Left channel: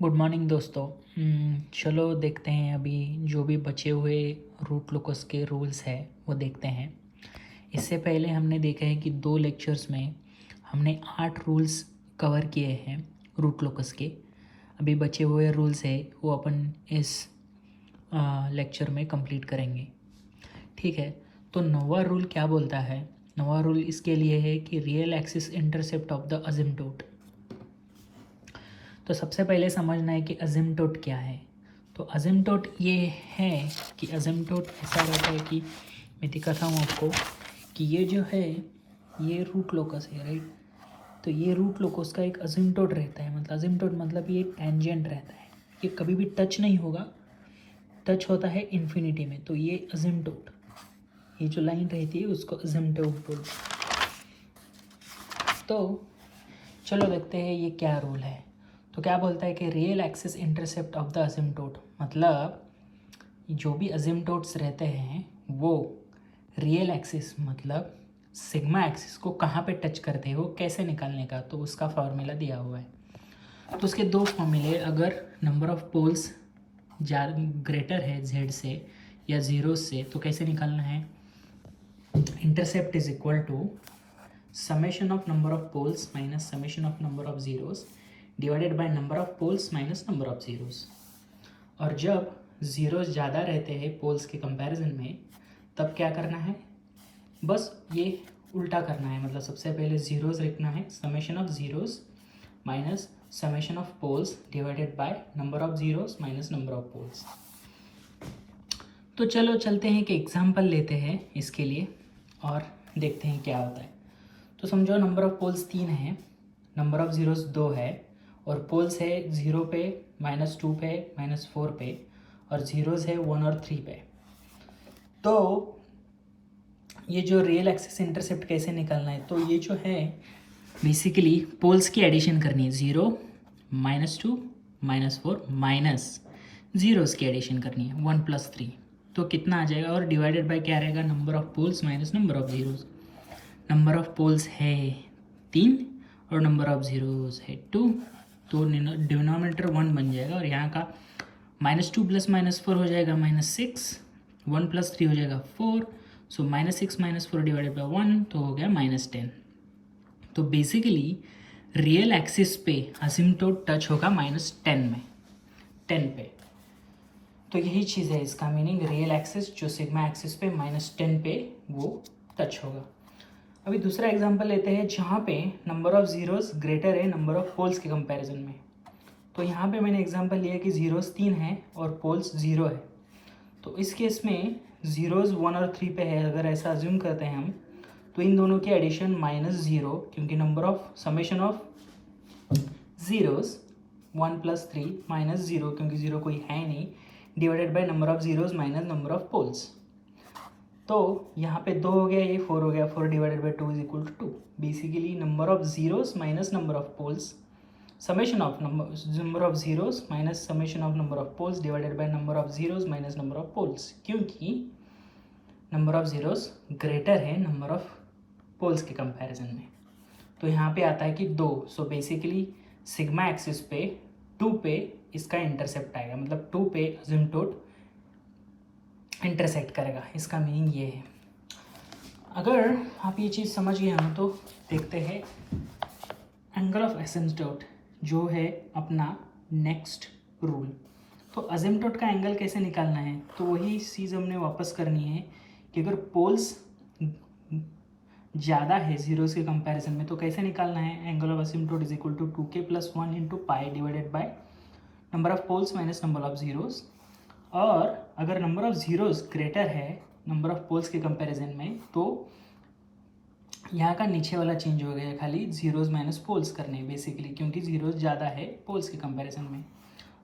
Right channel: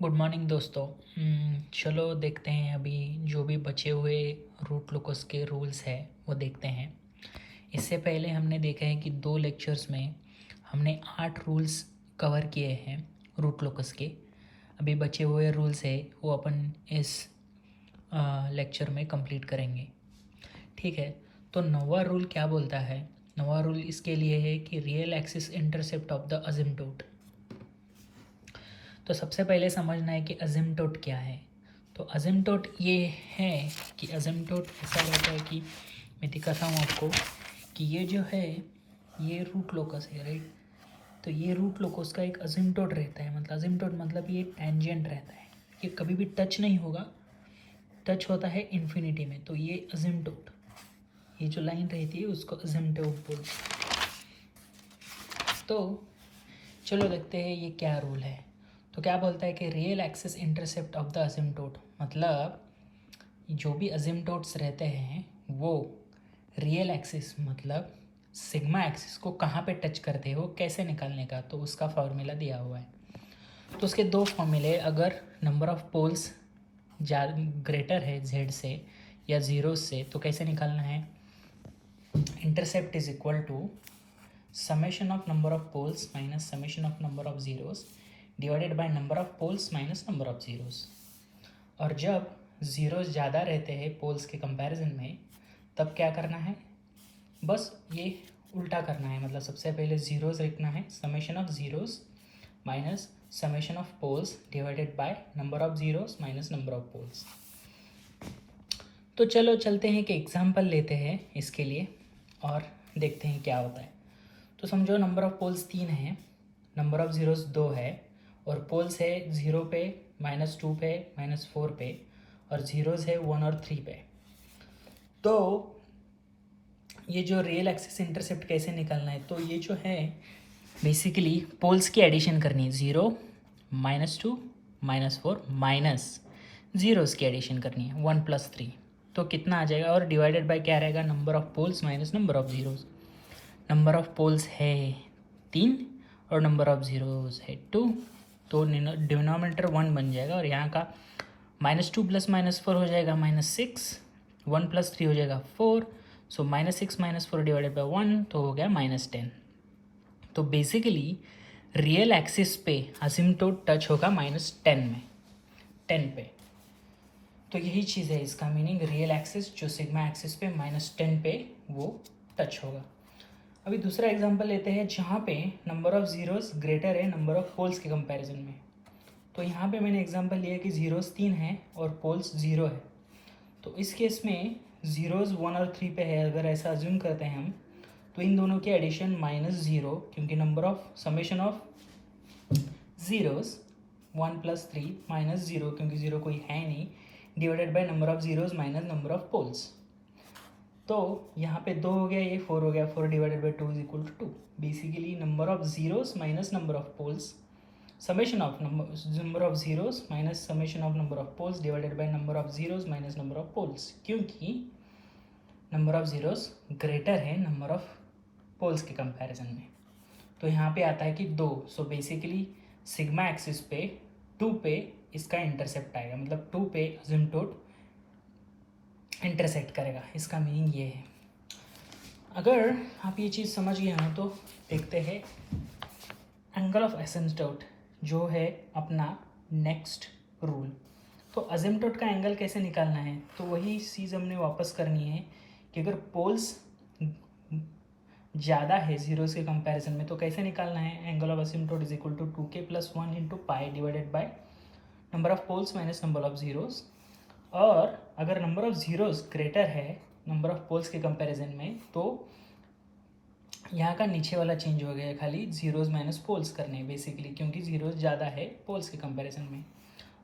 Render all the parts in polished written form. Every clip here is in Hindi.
गुड मॉर्निंग दोस्तों। चलो देखते हैं अभी जो भी बचे हुए रूट लोकस के रूल्स हैं वो देखते हैं। इससे पहले हमने देखा है कि 2 लेक्चर्स में हमने 8 रूल्स कवर किए हैं रूट लोकस के। अभी बचे हुए रूल्स है वो अपन इस लेक्चर में कंप्लीट करेंगे। ठीक है, तो 9वां रूल क्या बोलता है? 9वां रूल इसके लिए है कि real axis intercept of the asymptote. तो सबसे पहले समझना है कि असिम्प्टोट क्या है। तो असिम्प्टोट ये है कि असिम्प्टोट ऐसा रहता है कि मैं दिखाता हूँ आपको कि ये जो है ये रूट लोकस है, राइट। तो ये रूट लोकस का एक असिम्प्टोट रहता है, मतलब असिम्प्टोट मतलब ये टेंजेंट रहता है, ये कभी भी टच नहीं होगा, टच होता है इन्फिनिटी में। तो ये असिम्प्टोट, ये जो लाइन रहती है उसको असिम्प्टोट बोलते हैं। तो चलो देखते हैं ये क्या रूल है। तो क्या बोलता है कि real axis intercept of the asymptote, मतलब जो भी असिम्प्टोट्स रहते हैं वो रियल एक्सिस मतलब सिग्मा एक्सिस को कहाँ पे टच करते हैं वो कैसे निकालने का, तो उसका फॉर्मूला दिया हुआ है। तो उसके 2 फॉर्मूले, अगर नंबर ऑफ पोल्स ग्रेटर है जेड से या ज़ीरो से तो कैसे निकालना है। Intercept is equal to summation of number of poles minus summation of number of zeros divided by number of poles minus number of zeros। और जब ज़ीरोज़ ज़्यादा रहते हैं पोल्स के कंपैरिजन में तब क्या करना है, बस ये उल्टा करना है। मतलब सबसे पहले ज़ीरोज़ लिखना है, summation of zeros minus summation of poles divided by number of zeros minus number of poles. तो चलो चलते हैं कि एग्जाम्पल लेते हैं इसके लिए और देखते हैं क्या होता है। तो समझो नंबर ऑफ पोल्स 3 है, नंबर ऑफ ज़ीरोज़ 2 है और पोल्स है 0 पे, -2 पे, -4 पे और ज़ीरोज़ है 1 और 3 पे। तो ये जो रियल एक्सिस इंटरसेप्ट कैसे निकालना है, तो ये जो है बेसिकली पोल्स की एडिशन करनी है, 0, -2, -4 माइनस ज़ीरोज़ की एडिशन करनी है 1 + 3। तो कितना आ जाएगा, और डिवाइडेड बाय क्या रहेगा, number of poles minus number of zeros. Number of poles है 3 और नंबर ऑफ ज़ीरोज़ है 2, तो डिनोमिनेटर 1 बन जाएगा और यहाँ का -2 + -4 हो जाएगा -6, 1 + 3 हो जाएगा 4, सो -6 -4 डिवाइडेड बाय 1 तो हो गया -10। तो बेसिकली रियल एक्सिस पे असिम्प्टोट टच होगा -10 में, 10 पे। तो यही चीज़ है इसका मीनिंग, रियल एक्सिस जो सिग्मा एक्सिस पे -10 पे वो टच होगा। अभी दूसरा एग्जांपल लेते हैं जहाँ पे नंबर ऑफ ज़ीरोज़ ग्रेटर है नंबर ऑफ पोल्स के कंपैरिजन में। तो यहाँ पे मैंने एग्जांपल लिया कि ज़ीरोज़ 3 है और पोल्स 0 है। तो इस केस में ज़ीरोज़ 1 और 3 पे है, अगर ऐसा अज्यूम करते हैं हम, तो इन दोनों की एडिशन -0, क्योंकि number of summation of zeros 1 + 3 -0, क्योंकि 0 कोई है नहीं, divided by number of zeros minus number of poles. तो यहाँ पे 2 हो गया, ये 4 हो गया, 4 divided by 2 = 2। Basically number of zeros minus number of poles, summation of number of zeros minus summation of number of poles divided by number of zeros minus number of poles, क्योंकि नंबर ऑफ ज़ीरोज़ ग्रेटर है नंबर ऑफ पोल्स के कंपैरिजन में। तो यहाँ पे आता है कि 2, सो बेसिकली सिग्मा एक्सिस पे 2 पे इसका इंटरसेप्ट आएगा, मतलब 2 पे असिम्प्टोट इंटरसेक्ट करेगा, इसका मीनिंग ये है। अगर आप ये चीज़ समझ गए हो तो देखते हैं एंगल ऑफ एसिम्प्टोट जो है अपना नेक्स्ट रूल। तो असिम्प्टोट का एंगल कैसे निकालना है, तो वही चीज़ हमने वापस करनी है कि अगर पोल्स ज़्यादा है ज़ीरोज़ के कंपैरिजन में तो कैसे निकालना है, angle of asymptote is equal to 2k + 1 × pi divided by number of poles minus number of zeros. और अगर नंबर ऑफ ज़ीरोज़ ग्रेटर है नंबर ऑफ पोल्स के कंपैरिजन में तो यहाँ का नीचे वाला चेंज हो गया, खाली ज़ीरोज़ माइनस पोल्स करने बेसिकली, क्योंकि ज़ीरोज़ ज़्यादा है पोल्स के कंपैरिजन में।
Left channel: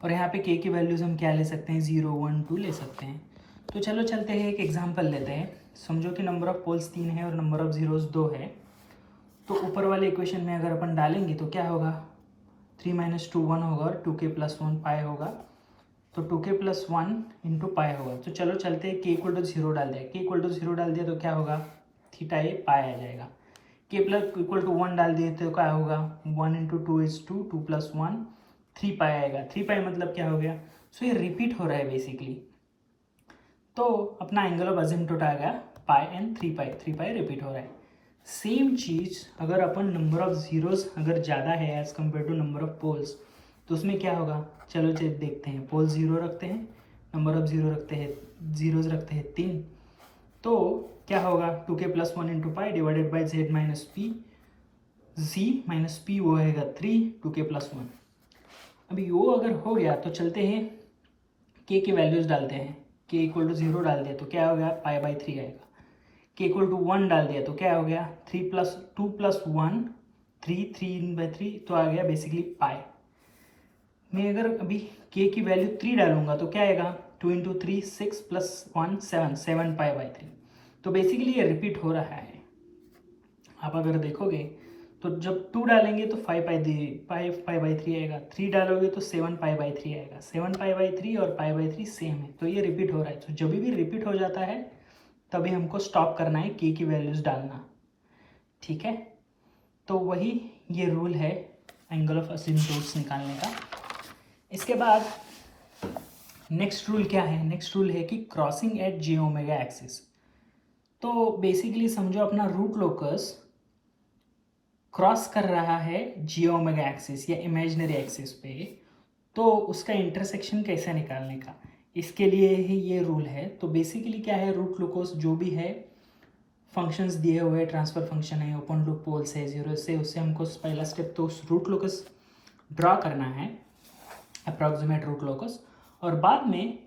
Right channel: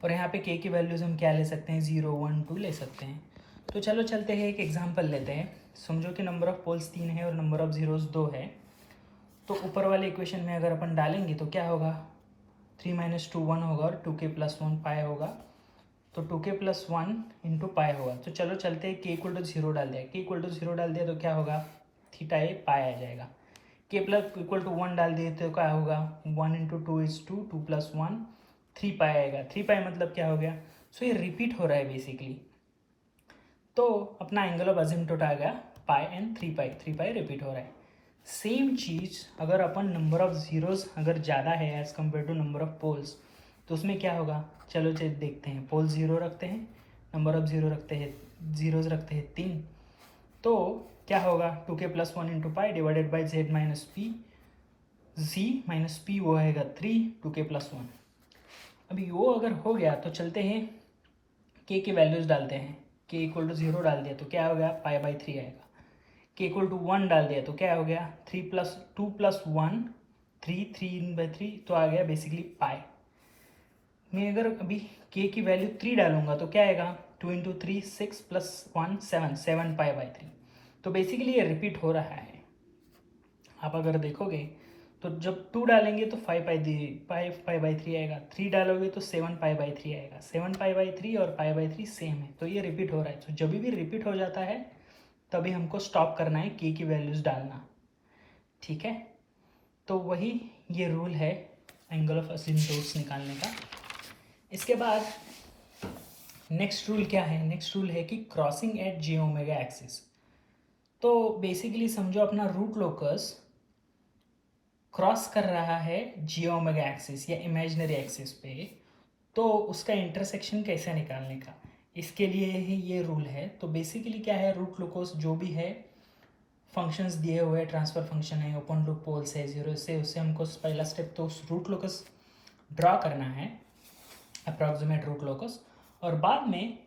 और यहाँ पे के की वैल्यूज़ हम क्या ले सकते हैं, 0, 1, 2 ले सकते हैं। तो चलो चलते हैं, एक एग्जांपल लेते हैं। समझो कि नंबर ऑफ पोल्स 3 है और नंबर ऑफ ज़ीरोज़ 2 है। तो ऊपर वाले इक्वेशन में अगर अपन डालेंगे तो क्या होगा, 3 - 2 1 होगा और 2k + 1 पाई होगा, तो 2k + 1 × पाई होगा। तो चलो चलते हैं, k = 0 डाल दिया, k = 0 डाल दिया तो क्या होगा, थीटा ए पाई आ जाएगा। k = 1 डाल दिए तो क्या होगा, 1 × 2 = 2, 2 + 1 3 पाई आएगा। 3 पाई मतलब क्या हो गया, सो ये रिपीट हो रहा है बेसिकली। तो अपना एंगल ऑफ अजिम्प्टोट आ गया पाई एंड 3 पाई, 3 पाई रिपीट हो रहा है। सेम चीज़ अगर अपन नंबर ऑफ जीरोस अगर ज़्यादा है as compare to number of poles, तो उसमें क्या होगा, चलो देखते हैं। पोल 0 रखते हैं, नंबर ऑफ जीरो रखते हैं, जीरोज रखते हैं 3, तो क्या होगा 2k + 1 × pi divided by z minus P, z minus P वो आएगा 3, 2k + 1। अभी वो अगर हो गया तो चलते हैं k की वैल्यूज़ डालते हैं। k = 0 डाल दिया तो क्या हो गया π/3 आएगा। k = 1 डाल दिया तो क्या हो गया 3 + 2 + 1 3, 3/3 तो आ गया बेसिकली पाई। मैं अगर अभी k की वैल्यू 3 डालूंगा तो क्या आएगा 2 × 3 6 + 1 7, 7π/3। तो बेसिकली ये रिपीट हो रहा है। आप अगर देखोगे तो जब 2 डालेंगे तो 5π/3 आएगा, 3 डालोगे तो 7π/3 आएगा। 7π/3 और π/3 सेम है, तो ये रिपीट हो रहा है। तो जब भी रिपीट हो जाता है तभी हमको स्टॉप करना है, k की वैल्यूज़ डालना, ठीक है। तो वही ये रूल है एंगल ऑफ असिम्प्टोट्स निकालने का। इसके बाद नेक्स्ट रूल क्या है, नेक्स्ट रूल है कि क्रॉसिंग एट j⍵ एक्सिस। तो बेसिकली समझो अपना रूट लोकस क्रॉस कर रहा है j⍵ एक्सिस या इमेजिनरी एक्सिस पे, तो उसका इंटरसेक्शन कैसे निकालने का, इसके लिए ही ये रूल है। तो बेसिकली क्या है, रूट लोकस जो भी है फंक्शंस दिए हुए, ट्रांसफर फंक्शन है, ओपन लूप पोल्स है 0 से, उससे हमको पहला स्टेप तो उस रूट लोकस ड्रॉ करना है, अप्रॉक्सीमेट रूट लोकस, और बाद में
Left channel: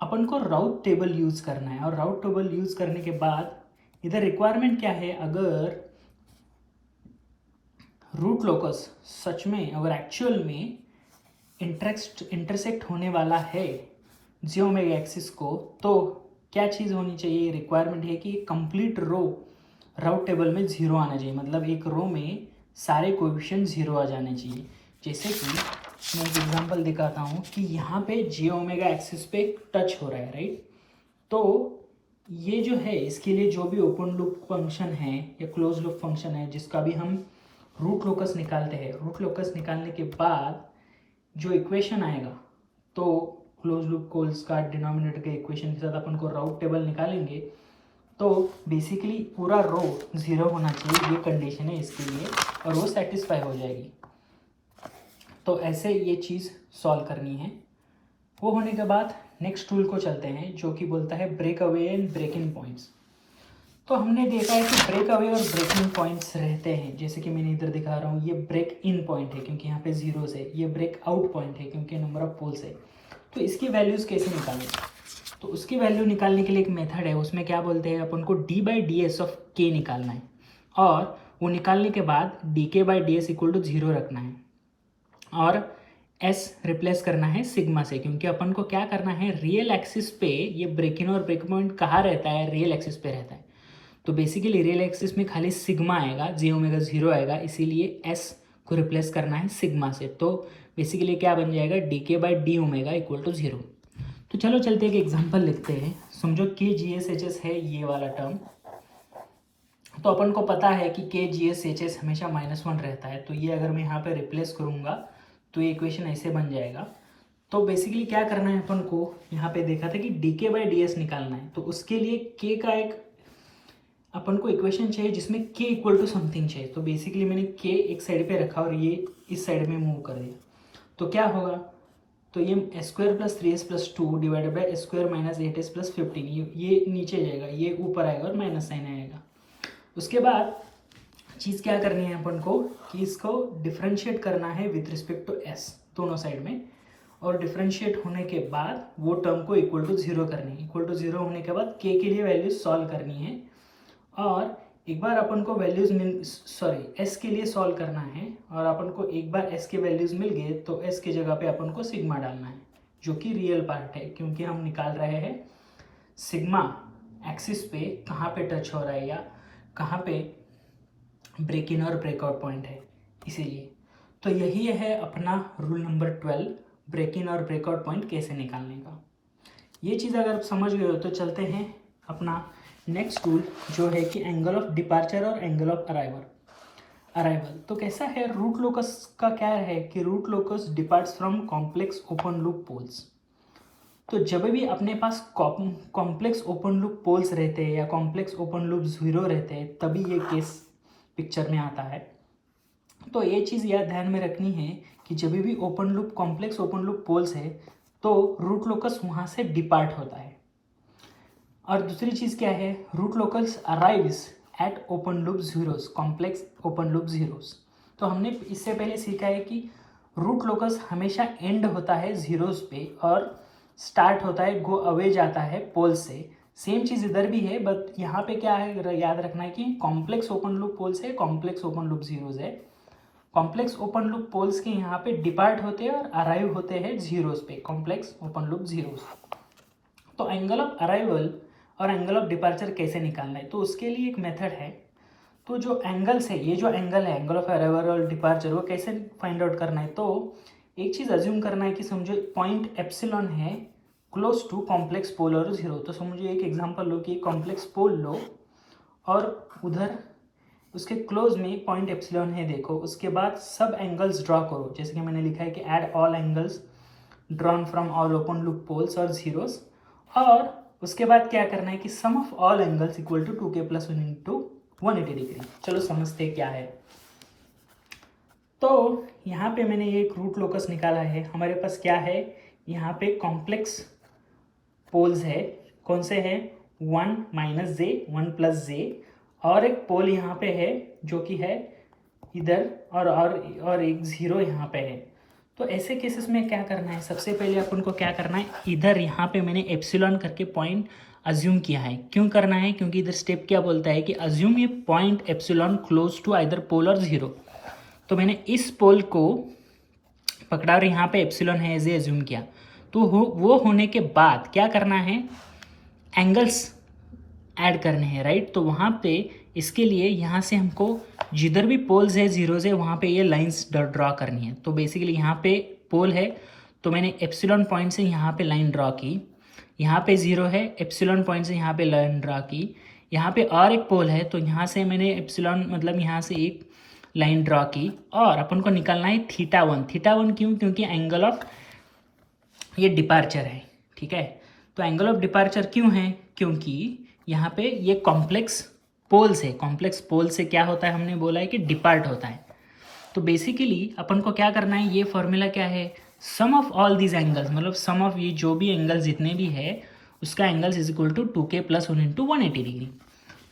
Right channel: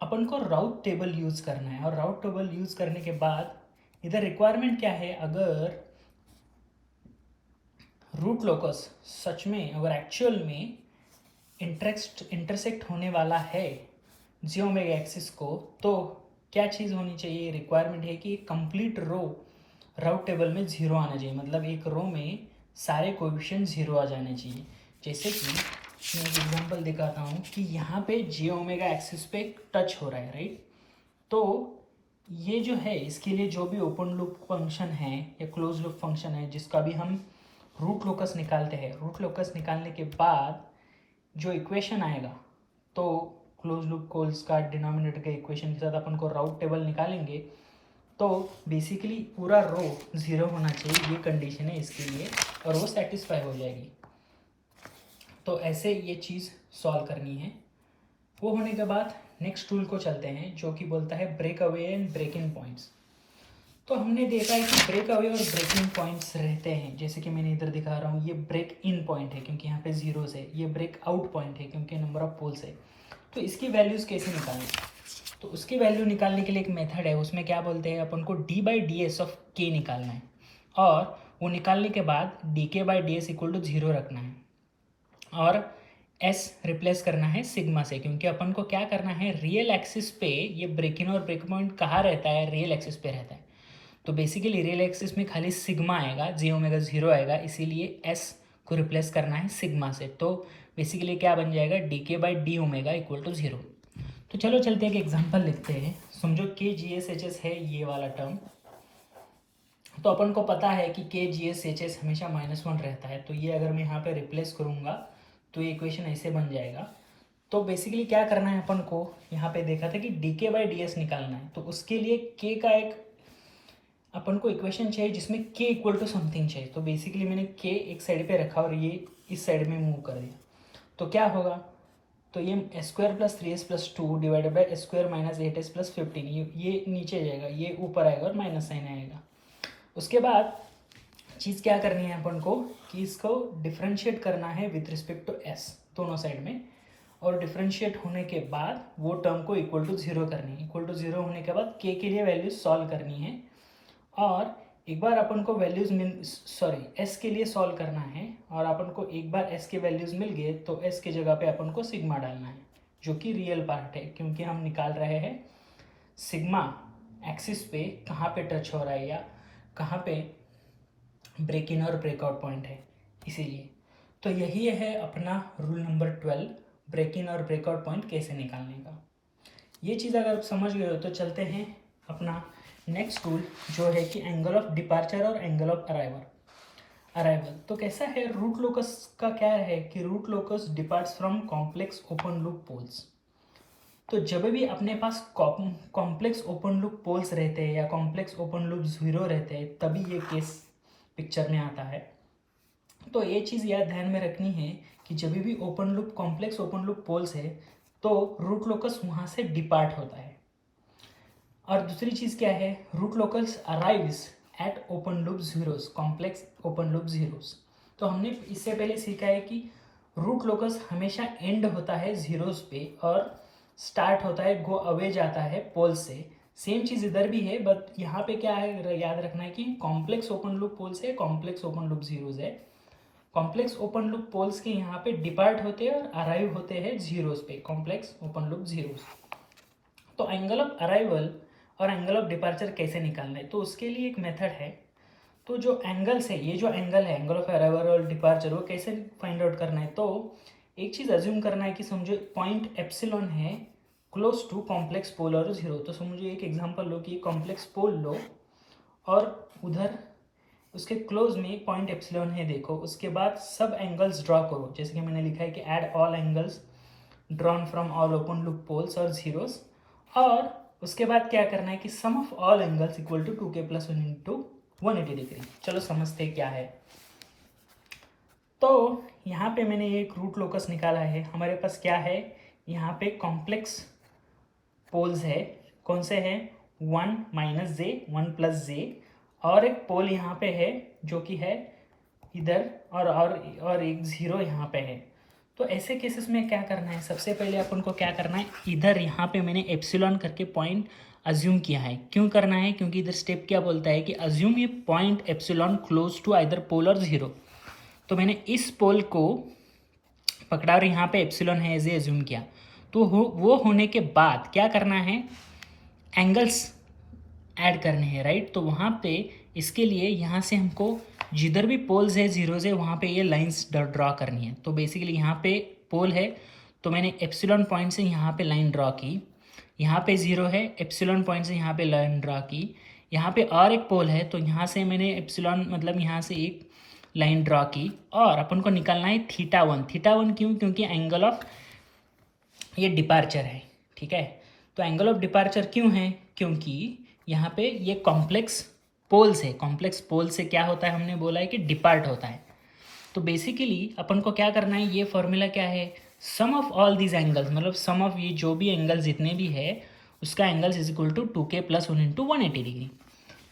अपन को राउट टेबल यूज़ करना है। और राउट टेबल यूज़ करने के बाद इधर रिक्वायरमेंट क्या है, अगर रूट लोकस सच में अगर एक्चुअल में इंटरसेक्ट होने वाला है j⍵ एक्सिस को, तो क्या चीज़ होनी चाहिए, रिक्वायरमेंट है कि कंप्लीट रो राउट टेबल में 0 आना चाहिए। मतलब एक रो में सारे कोएफिशिएंट 0 आ जाने चाहिए। जैसे कि मैं एक एग्जांपल दिखाता हूँ कि यहाँ पे j⍵ एक्सिस पे टच हो रहा है, राइट। तो ये जो है इसके लिए जो भी ओपन लूप फंक्शन है या क्लोज लूप फंक्शन है जिसका भी हम रूट लोकस निकालते हैं, रूट लोकस निकालने के बाद जो इक्वेशन आएगा, तो क्लोज लूप कोल्स का डिनोमिनेटर के इक्वेशन के साथ अपन को राउट टेबल निकालेंगे, तो बेसिकली पूरा रो 0 होना चाहिए, ये कंडीशन है इसके लिए, और वो सेटिस्फाई हो जाएगी। तो ऐसे ये चीज़ सॉल्व करनी है। वो होने के बाद नेक्स्ट रूल को चलते हैं जो कि बोलता है break away and break in points. तो हमने देखा है कि ब्रेक अवे और ब्रेक इन पॉइंट्स रहते हैं, जैसे कि मैंने इधर दिखा रहा हूँ, ये ब्रेक इन पॉइंट है क्योंकि यहाँ पे जीरोस है, ये ब्रेक आउट पॉइंट है क्योंकि नंबर ऑफ पोल्स है। तो इसकी वैल्यूज़ कैसे निकालें, तो उसकी वैल्यू निकालने के लिए एक मेथड है, उसमें क्या बोलते हैं अपन को d/ds ऑफ k निकालना है, और वो निकालने के बाद dk/ds = 0 रखना है, और s रिप्लेस करना है सिग्मा से, क्योंकि अपन को क्या करना है, रियल एक्सिस पे ये ब्रेक इन और ब्रेक पॉइंट कहाँ रहता है, रियल एक्सिस पे रहता है। तो बेसिकली रियल एक्सिस में खाली सिग्मा आएगा, j⍵ 0 आएगा, इसीलिए s को रिप्लेस करना है सिग्मा से। तो बेसिकली क्या बन जाएगा, dk/d⍵ = 0। तो चलो चलते हैं, एक एग्जांपल लिखते हैं। समझो kGS/HS है ये वाला टर्म, तो अपन को पता है कि kGS/HS हमेशा -1 रहता है। तो ये अगर मैं यहाँ पे रिप्लेस करूँगा तो ये इक्वेशन ऐसे बन जाएगा। तो बेसिकली क्या करना है अपन को, यहाँ पे देखा था कि dk/ds निकालना है, तो उसके लिए k का एक अपन को इक्वेशन चाहिए जिसमें k = समथिंग चाहिए। तो बेसिकली मैंने k एक साइड पे रखा और ये इस साइड में मूव कर दिया, तो क्या होगा, तो ये s² + 3s + 2 divided by s² - 8s + 15, ये नीचे जाएगा, ये ऊपर आएगा और माइनस साइन आएगा। उसके बाद चीज़ क्या करनी है अपन को कि इसको डिफ्रेंशिएट करना है विथ रिस्पेक्ट टू s दोनों साइड में, और डिफ्रेंशिएट होने के बाद वो टर्म को =0 करनी है। =0 होने के बाद k के लिए वैल्यूज सॉल्व करनी है, और एक बार अपन को वैल्यूज s के लिए सॉल्व करना है, और अपन को एक बार s के वैल्यूज मिल गए तो s की जगह पे अपन को सिग्मा डालना है, जो कि रियल पार्ट है, क्योंकि हम निकाल रहे हैं सिग्मा एक्सिस पे कहाँ पे टच हो रहा है या कहाँ पे ब्रेक इन और ब्रेकआउट पॉइंट है, इसीलिए। तो यही है अपना रूल नंबर 12, ब्रेक इन और ब्रेकआउट पॉइंट कैसे निकालने का। ये चीज़ अगर आप समझ गए हो तो चलते हैं अपना नेक्स्ट रूल, जो है कि एंगल ऑफ डिपार्चर और एंगल ऑफ अराइवल। अराइवल। तो कैसा है रूट लोकस का, क्या है कि root locus departs from complex open loop poles. तो जब भी अपने पास कॉम्प्लेक्स ओपन लूप पोल्स रहते हैं या कॉम्प्लेक्स ओपन लूप जीरो रहते हैं तभी ये केस पिक्चर में आता है। तो ये चीज़ याद ध्यान में रखनी है कि जब भी open loop complex open loop poles है तो रूट लोकस वहाँ से डिपार्ट होता है। और दूसरी चीज़ क्या है, root locus arrives at open loop zeros, complex open loop zeros. तो हमने इससे पहले सीखा है कि रूट लोकस हमेशा एंड होता है जीरोस पे और स्टार्ट होता है गो अवे जाता है पोल से। सेम चीज़ इधर भी है, बट यहाँ पे क्या है याद रखना है कि कॉम्प्लेक्स ओपन लूप पोल्स है, कॉम्प्लेक्स ओपन लूप जीरोस है। कॉम्प्लेक्स ओपन लूप पोल्स के यहाँ पे डिपार्ट होते हैं और अराइव होते हैं जीरोस पे, कॉम्प्लेक्स ओपन लूप जीरोस। तो एंगल ऑफ अराइवल और एंगल ऑफ डिपार्चर कैसे निकालना है, तो उसके लिए एक मेथड है। तो जो एंगल्स है, ये जो एंगल है एंगल ऑफ अराइवल और डिपार्चर, वो कैसे फाइंड आउट करना है। तो एक चीज़ अज्यूम करना है कि समझो पॉइंट एप्सिलॉन है क्लोज टू कॉम्प्लेक्स पोल और जीरो। तो समझो एक एग्जांपल लो कि कॉम्प्लेक्स पोल लो और उधर उसके क्लोज में पॉइंट एप्सिलॉन है, देखो उसके बाद सब एंगल्स ड्रॉ करो, जैसे कि मैंने लिखा है कि add all angles drawn from all open loop poles और जीरोस। और उसके बाद क्या करना है कि sum of all angles equal to 2k + 1 into 180 degree. चलो समझते क्या है। तो यहाँ पे मैंने एक रूट लोकस निकाला है। हमारे पास क्या है, यहाँ पे कॉम्प्लेक्स पोल्स है, कौन से है 1 - j 1 + j, और एक पोल यहाँ पे है जो कि है इधर और एक जीरो यहाँ पे है। तो ऐसे केसेस में क्या करना है, सबसे पहले अपन को क्या करना है, इधर यहाँ पे मैंने एप्सिलॉन करके पॉइंट अज्यूम किया है। क्यों करना है, क्योंकि इधर स्टेप क्या बोलता है कि अज्यूम ये point epsilon close to either pole और जीरो। तो मैंने इस पोल को पकड़ा और यहाँ पे एप्सिलॉन है एज अज्यूम किया। तो वो होने के बाद क्या करना है, एंगल्स ऐड करने हैं, राइट। तो वहाँ पे इसके लिए यहाँ से हमको जिधर भी पोल्स है जीरोज है वहाँ पे ये लाइंस ड्रॉ करनी है। तो बेसिकली यहाँ पे पोल है तो मैंने एप्सिलॉन पॉइंट से यहाँ पे लाइन ड्रॉ की, यहाँ पे जीरो है एप्सिलॉन पॉइंट से यहाँ पे लाइन ड्रॉ की, यहाँ पे और एक पोल है तो यहाँ से मैंने एप्सिलॉन मतलब यहाँ से एक लाइन ड्रॉ की। और अपन को निकालना है θ1। θ1 क्यों, क्योंकि एंगल ऑफ ये डिपार्चर है, ठीक है। तो एंगल ऑफ डिपार्चर क्यों है, क्योंकि यहाँ पे ये कॉम्प्लेक्स पोल्स है, कॉम्प्लेक्स पोल से क्या होता है, हमने बोला है कि डिपार्ट होता है। तो बेसिकली अपन को क्या करना है, ये फॉर्मूला क्या है, सम ऑफ ऑल दीज एंगल्स, मतलब सम ऑफ ये जो भी एंगल्स जितने भी है उसका angles is equal to 2k + 1 into 180 degree.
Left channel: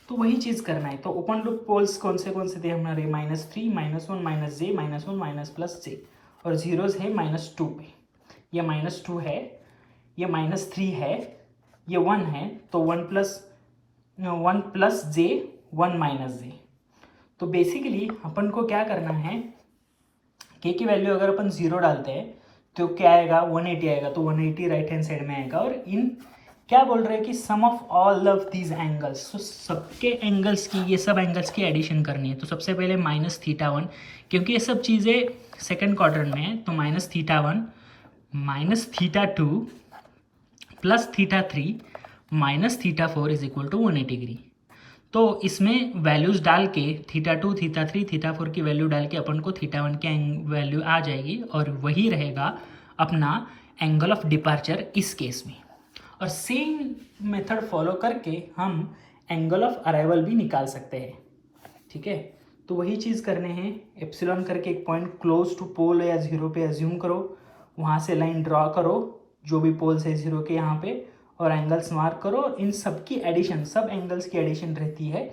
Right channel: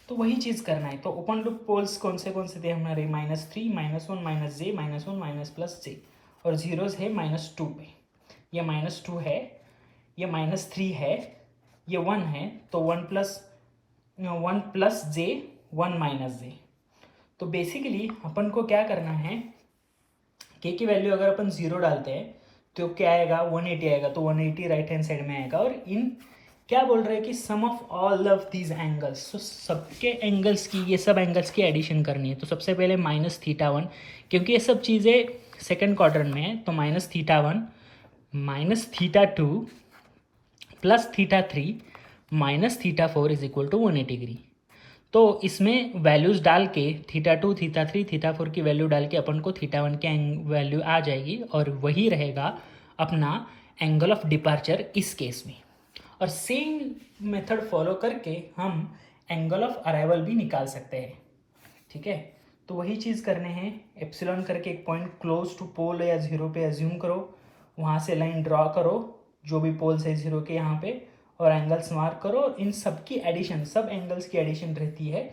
तो वही चीज़ करना है। तो ओपन लूप पोल्स कौन से थे हमारे, -3 - 1 - j -1 - +j, और जीरोज है -2 पे, ये -2 है, ये -3 है, ये 1 है, तो 1 + j 1 - j। तो बेसिकली अपन को क्या करना है, k की वैल्यू अगर अपन 0 डालते हैं तो क्या आएगा 180 आएगा, तो 180 राइट हैंड साइड में आएगा। और इन क्या बोल रहे हैं कि sum of all of these angles, तो सबके एंगल्स की, ये सब एंगल्स की एडिशन करनी है। तो सबसे पहले -θ1, क्योंकि ये सब चीज़ें सेकंड क्वाड्रेंट में है, तो -θ1 - θ2 + θ3 - θ4 इज इक्वल टू 180 डिग्री। तो इसमें वैल्यूज़ डाल के θ2 θ3 θ4 की वैल्यू डाल के अपन को θ1 की वैल्यू आ जाएगी, और वही रहेगा अपना एंगल ऑफ डिपार्चर इस केस में। और सेम मेथड फॉलो करके हम एंगल ऑफ अराइवल भी निकाल सकते हैं, ठीक है। तो वही चीज़ करने हैं, एप्सिलॉन करके एक पॉइंट क्लोज टू पोल या जीरो पे अज्यूम करो, वहाँ से लाइन ड्रॉ करो जो भी पोल्स है जीरो के यहाँ पे, और एंगल्स मार्क करो। इन सब की एडिशन, सब एंगल्स की एडिशन रहती है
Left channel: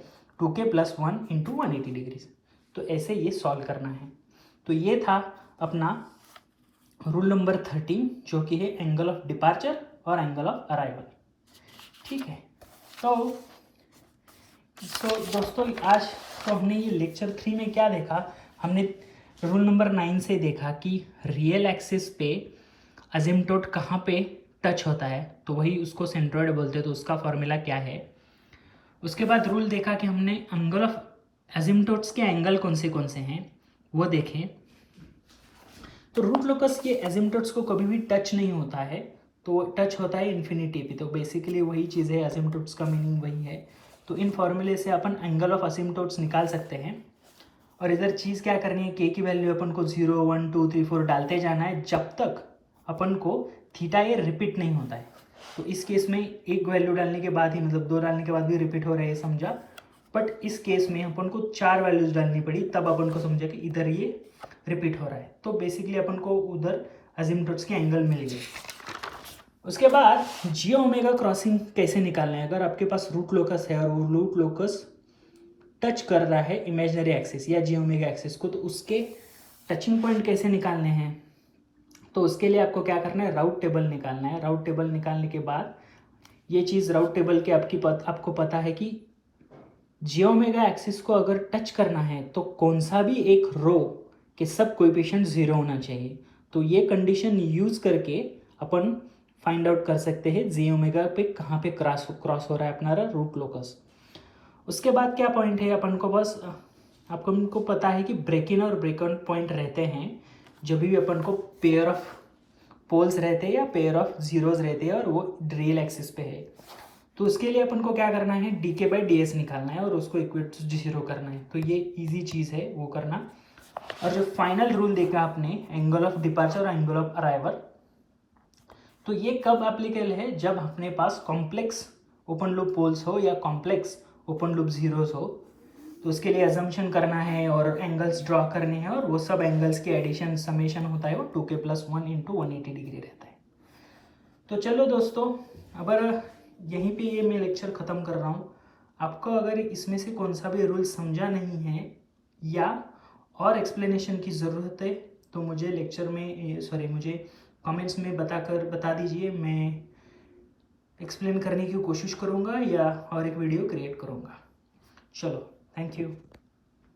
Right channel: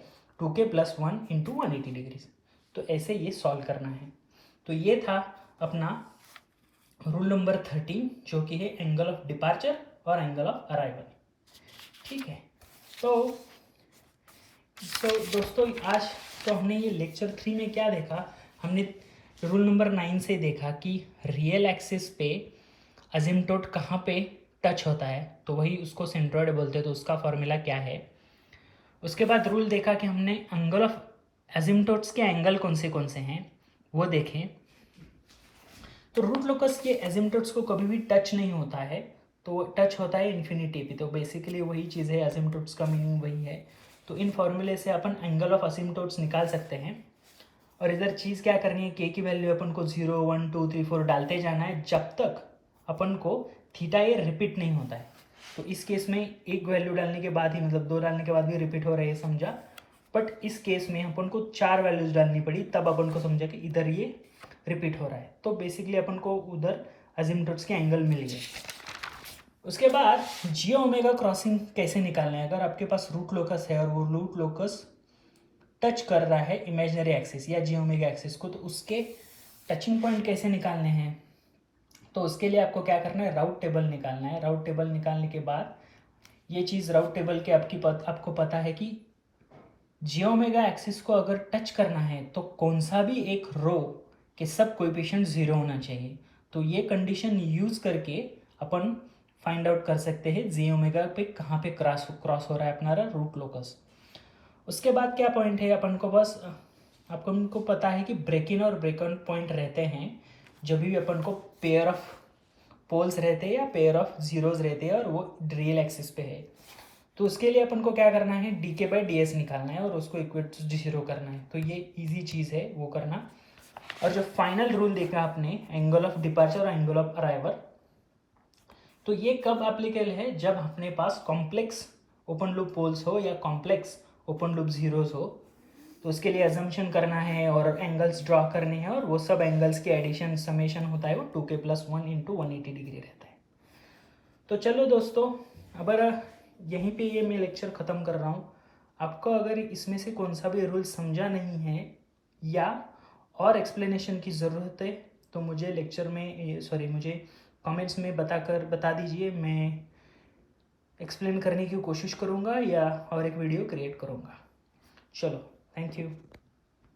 2k + 1 इंटू 180 डिग्री। तो ऐसे ये सॉल्व करना है। तो ये था अपना रूल नंबर 13, जो कि है एंगल ऑफ डिपार्चर और एंगल ऑफ अराइवल, ठीक है। तो दोस्तों आज तो हमने ये लेक्चर 3 में क्या देखा, हमने रूल नंबर 9 से देखा कि रियल एक्सिस पे अजिम्प्टोट कहाँ पे टच होता है, तो वही उसको सेंट्रोइड बोलते हैं, तो उसका फॉर्मूला क्या है। उसके बाद रूल देखा कि हमने एंगल ऑफ अजिम्प्टोट्स के एंगल कौन से हैं वो देखें। तो रूट लोकस के अजिम्प्टोट्स को कभी भी टच नहीं होता है, तो टच होता है इन्फिनिटी पे। तो बेसिकली वही चीज़ है, असिम्प्टोट्स का मीनिंग वही है। तो इन फॉर्मूले से अपन एंगल ऑफ असिम्प्टोट्स निकाल सकते हैं। और इधर चीज़ क्या करनी है, के की वैल्यू अपन को 0 1 2 3 4 डालते जाना है जब तक अपन को थीटा ये रिपीट नहीं होता है। तो इस केस में एक वैल्यू डालने के बाद ही, मतलब 2 डालने के बाद भी रिपीट हो रहा है समझा, बट इस केस में अपन को 4 वैल्यूज डालनी पड़ी तब अपन को समझा कि इधर ये रिपीट हो रहा है। तो बेसिकली अपन को उधर अजिम्पटोट्स के एंगल मिल गए। उसके बाद जी ओमेगा क्रॉसिंग कैसे निकालना है, अगर आपके पास रूट लोकस है और वो रूट लोकस टच कर रहा है इमेजिनरी एक्सिस या जी ओमेगा एक्सिस को, तो उसके टचिंग पॉइंट कैसे निकालने हैं, तो उसके लिए आपको क्या करना है, राउट टेबल निकालना है। राउट टेबल निकालने के बाद ये चीज़ राउट टेबल के आपको पता है कि जी ओमेगा एक्सिस को अगर टच करना है तो कौन सा भी एक रो के सब कोएफिशिएंट 0 होना चाहिए। तो ये कंडीशन यूज करके अपन फाइंड आउट कर सकते हैं जी ओमेगा पे कहाँ पे क्रॉस हो रहा है अपना रूट लोकस। उसके बाद क्या पॉइंट है, अपन को बस आपको पता है कि ब्रेक इन और ब्रेक आउट पॉइंट रहते हैं जब भी अपन को पेयर ऑफ पोल्स रहते हैं या पेयर ऑफ जीरोज रहते हैं और वो रियल एक्सिस पे है। तो उसके लिए अपन को क्या करना है, डी के बाई डी एस निकालना है और उसको इक्वेट टू 0 करना है। तो ये इजी चीज़ है वो करना। और जो फाइनल रूल देखा आपने, एंगल ऑफ डिपार्चर और एंगल ऑफ अराइवल, तो ये कब एप्लीकेबल है, जब अपने पास कॉम्प्लेक्स ओपन लूप पोल्स हो या कॉम्प्लेक्स ओपन लूप जीरोस हो। तो उसके लिए एजम्पशन करना है और एंगल्स ड्रॉ करने हैं और वो सब एंगल्स के एडिशन समेशन होता है वो 2k+1 × 180 डिग्री रहता है। तो चलो दोस्तों, अगर यहीं पे ये मैं लेक्चर ख़त्म कर रहा हूँ। आपको अगर इसमें से कौन सा भी रूल समझा नहीं है या और एक्सप्लेनेशन की ज़रूरत है तो मुझे मुझे कमेंट्स में बता दीजिए। मैं एक्सप्लेन करने की कोशिश करूँगा या और एक वीडियो क्रिएट करूँगा। चलो, थैंक यू।